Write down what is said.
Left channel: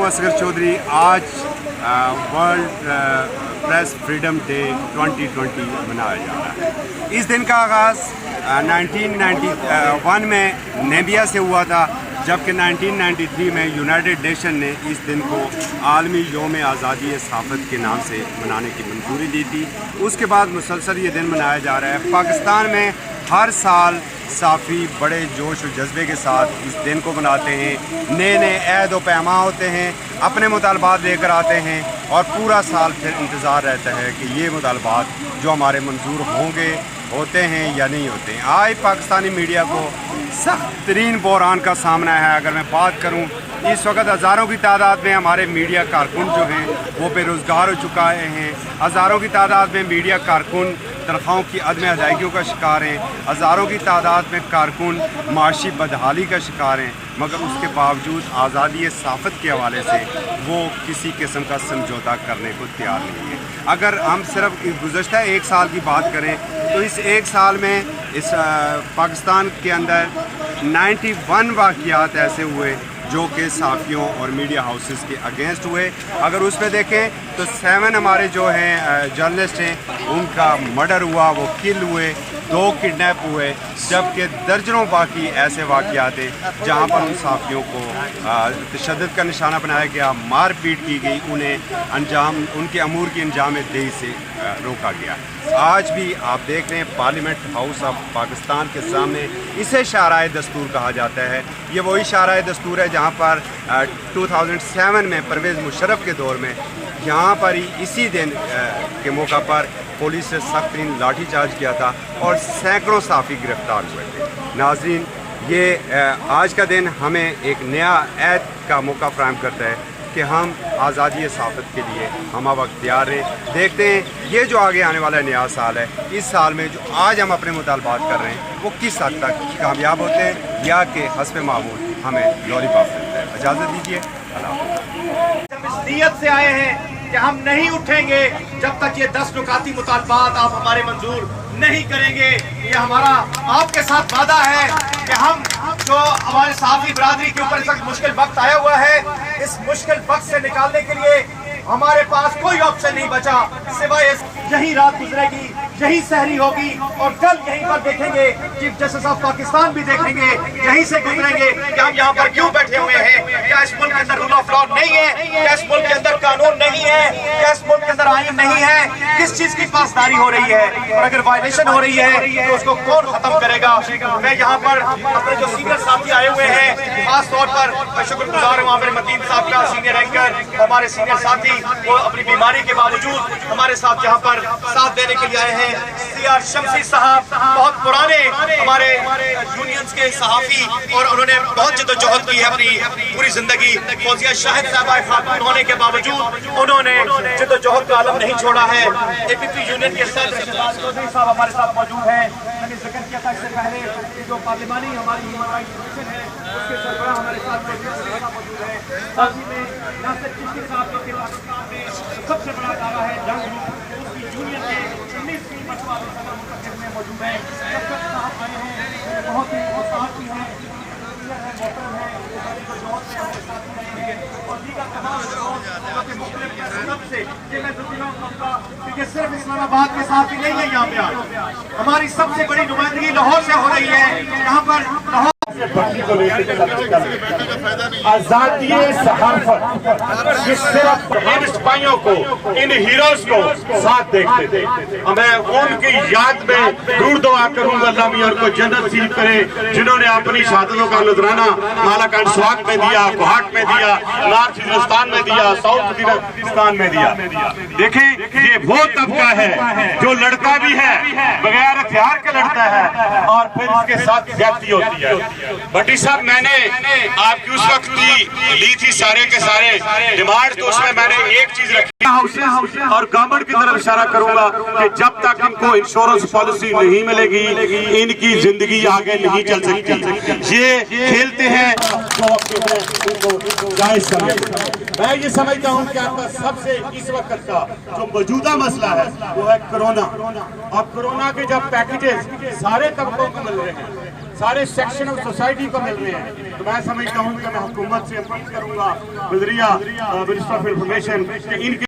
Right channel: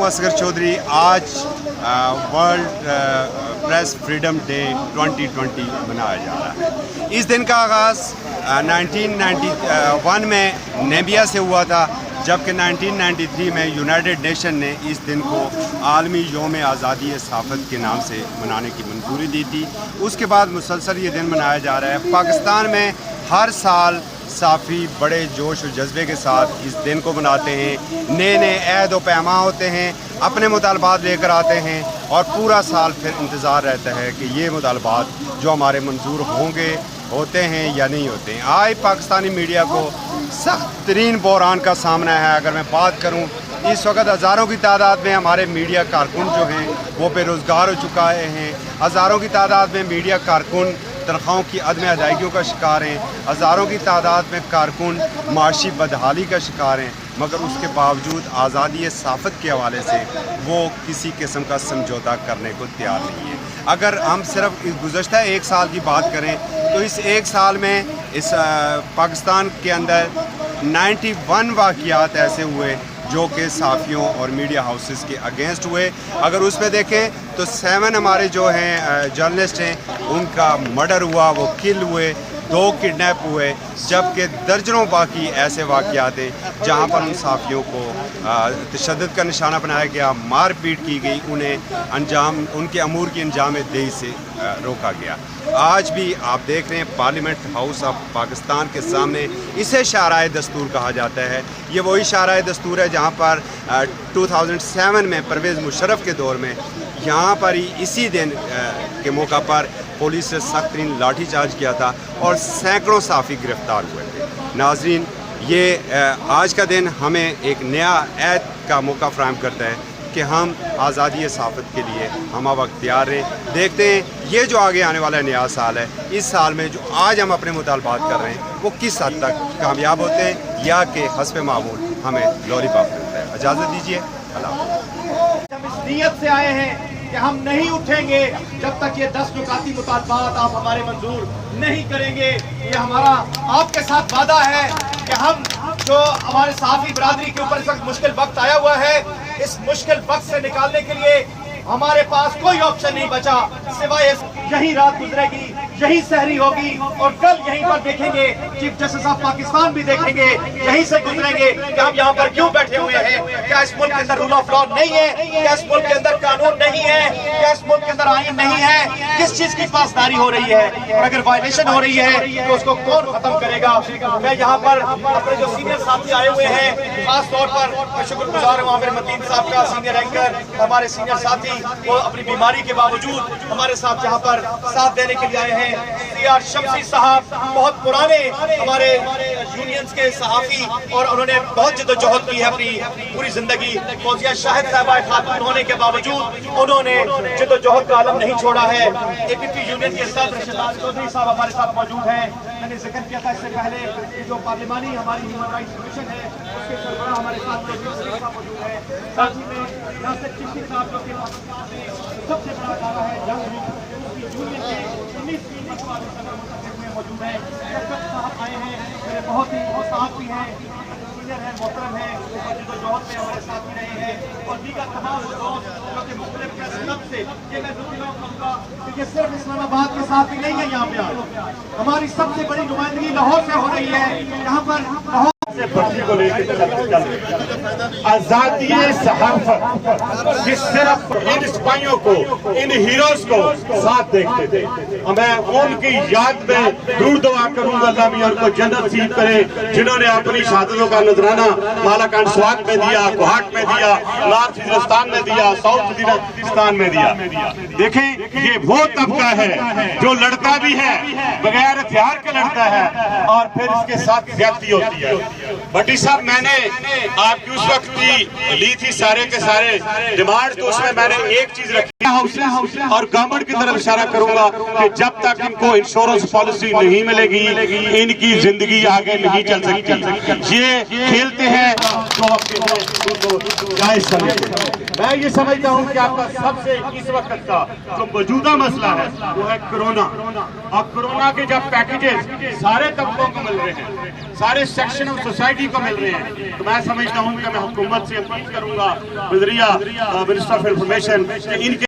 अबू असगर चौधरी, आज world press freedom day 2020 मनाया जा रहा है। इस दिन का आगाज़ 1991 में नेबिया से हुआ था, जबकि 1993 में यूनाइटेड नेशन ने इस दिन को आलमी योम आज़ादी सहाफ़त के नाम से मनाने की मंजूरी दी थी। उसके बाद मुसलसल ये दिन मनाया जा रहा है। पाकिस्तान में हर साल साफ़ी बड़े जोश और जज्बे के साथ इस दिन को मनाते हैं। नए नए अहद व पैमा होते हैं, अपने मुतालबात लेकर आते हैं और पूरा साल फिर इंतज़ार रहता है कि ये मुतालबात जो हमारे मंजूर होते हैं या नहीं होते हैं। आज पाकिस्तानी मीडिया को सख्त तरीन बहरान का सामना है। अगर मैं बात करूँ, इस वक्त हज़ारों की तादाद में हमारे मीडिया कारकुन जो हैं वो बेरोज़गार हो चुका हैं। हज़ारों की तादाद में मीडिया कारकुन तनख्वाहों की अदम अदायगियों का शिकार हैं। हज़ारों की तादाद में कारकुन माशी बदहाली का शिकार हैं, मगर उसके बावजूद आज़ादी सहाफ़त के हवाले से वो किसी किस्म का समझौता करने को तैयार नहीं है। अगर हम सिर्फ गुज़श्ता एक साल की बात करें तो इस एक साल में इस पाकिस्तान के अंदर 91 वाक़ियात ऐसे हुए जो कि साफ़ियों और मीडिया हाउसेस के अगेंस्ट हुए। अगर उसमें देखें तो 7 हमारे जो हैं जर्नलिस्ट हैं उनका मर्डर हुआ, वो किल हुए, 2 किडनैप हुए, जबकि दर्जनों बाकी ऐसे वाक़यात हैं जहाँ पर उन साफ़ियों को तशद्दुद का निशाना बनाया गया, मार पीट की गई, उन्हें उनके अमूर की अंजाम दही से रोका गया। आज भी आप देख रहे हैं पार्लियामेंट हाउस ऑफ पाकिस्तान के सामने इसे शाराए दस्तूर कहा जाता है। ये वही शाराए दस्तूर है जहाँ पर 2007 में परवेज़ मुशर्रफ के दौर में यहाँ पर ही इसी दिन के मौका पर पुलिस ने सख्त लाठी चार्ज किया था और सैकड़ों साफ़ी गिरफ्तार हुए थे। नाज़रीन, ये आज का दिन हमें एक नया ऐद का मौका फराहम करता है कि हम आज़ादी सहाफ़त के लिए हम वक्त तैयार हैं। देखते हैं ये जो आगे आने वाला नया साल है, इस साल में जो आज हम अपने मुतालबात कर रहे हैं वो किस हद तक कामयाब होते हैं या कि हस्ब मामूल हमें लॉलीपॉप मिलता है। इजाज़त दीजिए, अल्लाह। हम इस नीयत से आए हैं कि हम नहीं उठेंगे जब तक ये 10 नुकाती मुतालबात आप हमारे मंजूर नहीं करेंगे। ये हमारा आपके साथ वादा है कि हम जो हमारे साफ़ी बरादरी के ऊपर इस वक्त मुश्किल वक्त आया हुआ है, इस मुश्किल वक्त से निकालने के लिए हमारे पास कोई ऑप्शन नहीं बचा सिवाय यही रात गुजरेगी, यही सहरी होगी और कल यहीं पर देखेंगे चीफ जस्टिस ऑफ पाकिस्तान भी देखेंगे, यहीं से गुजरेंगे कि हम यहाँ पर क्यों बैठे हुए हैं। क्या इस मुल्क के अंदर रूल ऑफ लॉ नहीं है? क्या इस मुल्क के अंदर कानून नहीं है? क्या इस मुल्क के अंदर आईन नहीं है? किस चीज की पासदारी हो रही है और अगर वायलेशन हो रही है तो उसको कौन खत्म करेगा? मैं यहाँ पर अपने जो सीनियर साथी आए हुए हैं, खास तौर पर मैं शुक्रगुजार हूँ आमिर मतीन साहब का, सीनियर एंकर, हमारे सीनियर साथी वो अपनी बीमारी के बावजूद हमारे साथ यहाँ पर साथ देने के लिए आए हैं। सीआर शमसी साहब बहुत पुराने हमारे यूनियंस के सहाफ़ी और उन्होंने बहुत जद्दोजहद की है अपनी पूरी जिंदगी। फौजिया शाहिद साहबा खातून होने के बावजूद उन्होंने जद्दोजहद का आलम नहीं छोड़ा है। एपीपी यूनियन के चौधरी साहब हमारे साथ मौजूद हैं। मैंने जिक्र किया था इससे पहले कि जो पार्लिमानी हमारी ह्यूमन राइट्स कमीशन है उसके सरबराह हमारे साथ मौजूद है। साथ ही में के साथ सबसे बड़ा दावा है जंग यूनियन के 19 मौजूद है। बहुत ही औकात भी है, मोहतरम है, जो जॉब में हमारे साथ ही रहे हैं और दीगर तमाम लोगों के मुख्तलिफ कैफियत से ये मैं कहूँगा कि सिर्फ इस्लामाबाद के साथ ही नहीं है। यहाँ पे हमारी सबसे बड़ी नुमाइंदगी लाहौर से हो रही है। यहाँ पर लाहौर आजादी सहाफत सिर्फ इन सिपाहियों को, इन हीरोज को साथ देखते थे। मैं उनकी याद में दूर दुआ करूंगा अल्लाह मियां उनको जन्नत नसीब करे, जिन्होंने अपनी शहादतों का नजराना मालाकान स्वाग में दिया, गुहाट में दिया, नॉर्थ हिंदुस्तान में दिया, साउथ हिंदुस्तान में दिया। देखें ये वो तबका है जो लड़ता भी है, बगैर हथियार के लड़ता है और फिर इसके साथ ज्यादती होती है। भट्टी साहब, मैंने आपकी उस वक्त की ली थी सारे के सारे डिमांड, तो उसमें मैंने एक चीज रखी और गवर्नमेंट की तरफ इशारा करूंगा कि जब तक इनको इंश्योरेंस पॉलिसी नहीं मिलेगी इनकी जिंदगी आगे नहीं चल सकती। ये खेलते हैं मैं ये समझता हूँ कि आपका सबसे इस वक्त का जो मौजूदा मसला है वो है कोरोना। अब कोरोना के जब पैकेजेस सारे तबकों को मिल रहे हैं, سارے سیکشن آف سوسائٹی کو مل رہے ہیں. تو میں سمجھتا ہوں کہ میں حکومت سے اپیل کروں گا، وزیرہ منسٹر آف انفارمیشن، کہ ان کے